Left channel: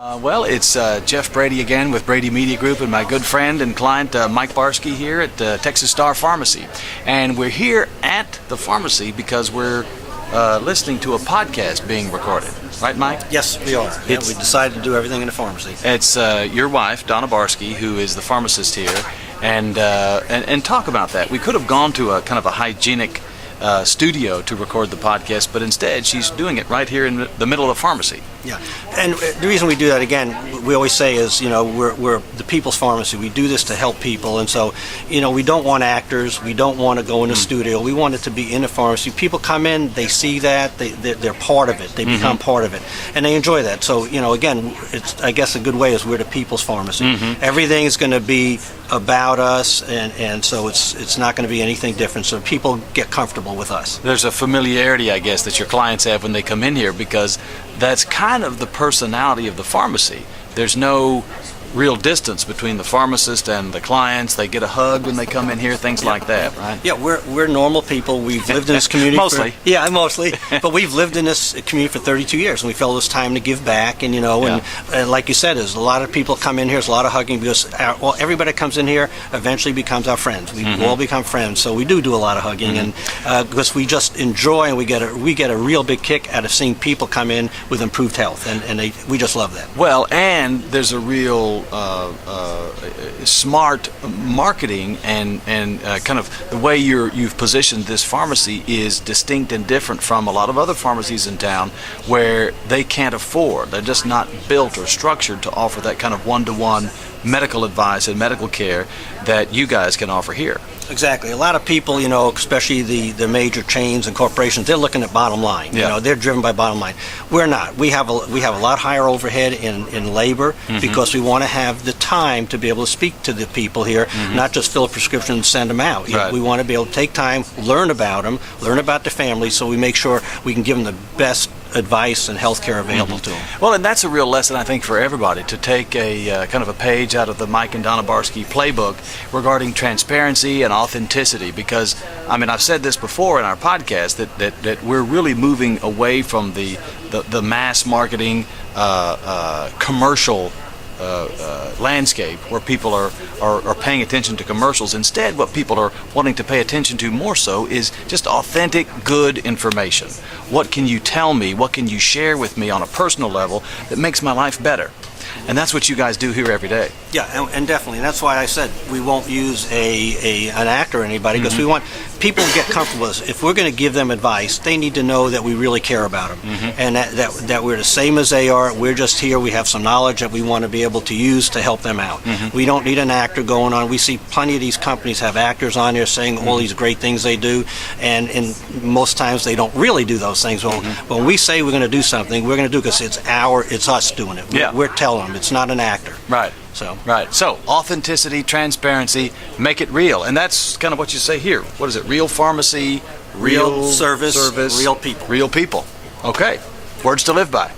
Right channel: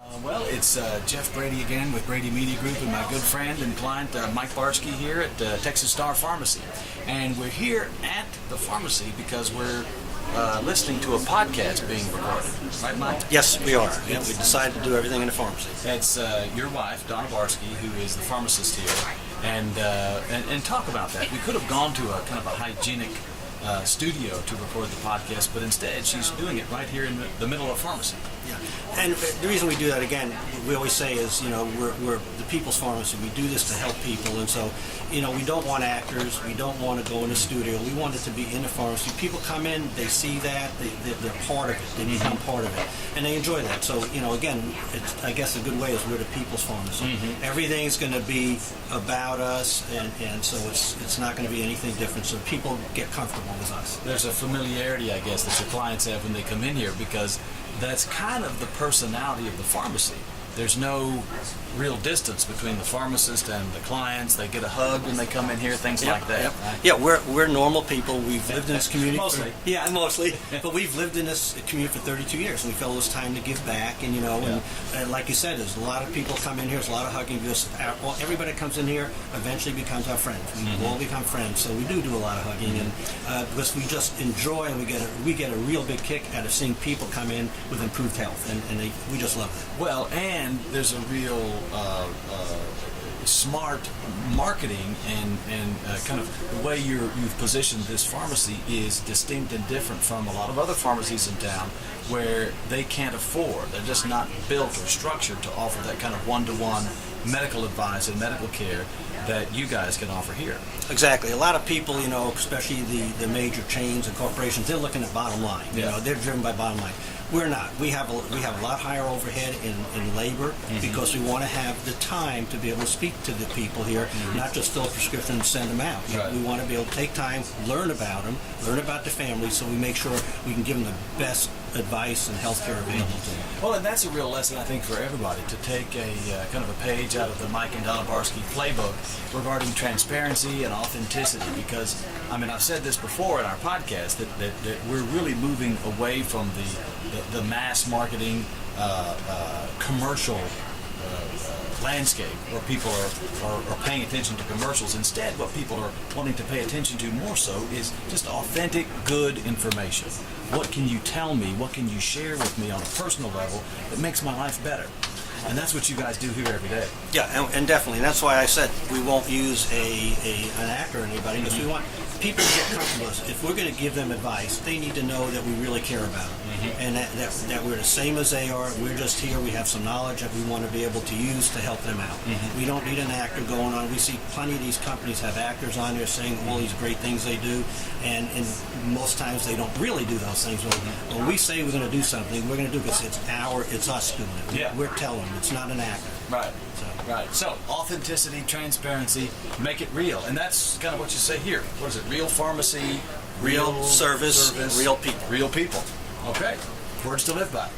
Well, it's Jeff Brady again with Brady Media Group and my good friend and client Mike Barsky here at Texas Star Pharmacy. And we're here at the pharmacy because we're listening to a podcast being recorded. Right, Mike? Yes, we are. Yeah, we decided to do everything in the pharmacy. It's your wife, Donna Barsky, who is the pharmacist here. And talk about that. We could have gone to a kind of a hygienic studio to record the podcast, but instead she's doing it right here in the middle of the pharmacy. Yeah, and the reason we do that, again, we always say is, we're the people's pharmacy. We do this to help people, and so, we don't want actors. We don't want to go in a studio. We want it to be in the pharmacy. People come in, they see that, they're part of it. They become part of it, and they enjoy that. So, again, it's, I guess a good way is we're the people's pharmacy. Everything is going to be about us, and so it's not going to be anything different, so people get comfortable with us. There's a familiarity, I guess, that your clients have when they come in here, because that's kind of the personality of the pharmacy. There's no real distance between the pharmacist and the clients. They get a hug when they come in here, things like that, right? Yeah, we're normal people. We've lived in this community mostly. Mostly. But we've lived in this community for 32 years, and we felt it was time to give back. And and like you said, there's a lot of people come in here. There's a lot of hugging because everybody that comes in here eventually becomes our friends. We all become friends, so we do a lot of hugging, and because we just enjoy, and we get a real big kick out of seeing people come in with improved health, and we just love that. Well, and there's a real smart marketing and kind of the way you've positioned this pharmacy is distinct and different from a lot of other pharmacies in town where they can't afford. They're just not built or structured to offer that kind of one-to-one medical advice and medical care that you guys can offer here. Exactly. A lot of people, especially the major chains and corporations, they're looking at bottom line. They're driven by bottom line. We're not. We have a lot higher overhead in labor because we want to have the time to be able to speak to the people here, not just fill a prescription and send them out. Right. We want to be able to take time, learn about them, learn about the family, so we make sure we can give them the best advice and health care available to them. Well, and that's a real lesson, I think, for everybody, to take a kind of a page out of the Mike and Donna Barsky playbook regarding transparency and authenticity, because, I've said this before in our podcast, that we're really moving away from the mass marketing commercial landscape where people are paying attention to commercials. Instead, what people are wanting to pay attention to more so is just authentic, good information. What can you tell me? What can you share with me on a personal level that makes my life better? And that's what you guys do here every day. Yeah, and definitely. And that's why I said we won't use an actor or anybody, because we want people to get comfortable with us. If we're going to give them advice, they need to know that we really care about them, and that we're the same as they are. We're just here. We have some knowledge that we want to be able to use to help them out. We don't need an actor going on. We see plenty of these companies have actors on there saying all these great things they do, and most times they don't really do those things. Well, when we say we're going to do something, we're going to do it because it's us doing it. Yeah. We're telling them. It's not an actor. Right. Right. So authenticity, transparency, make it real, and that's kind of what you say here. What is it? Real pharmacy, Real service, real people. Real people. Okay. Words to live by.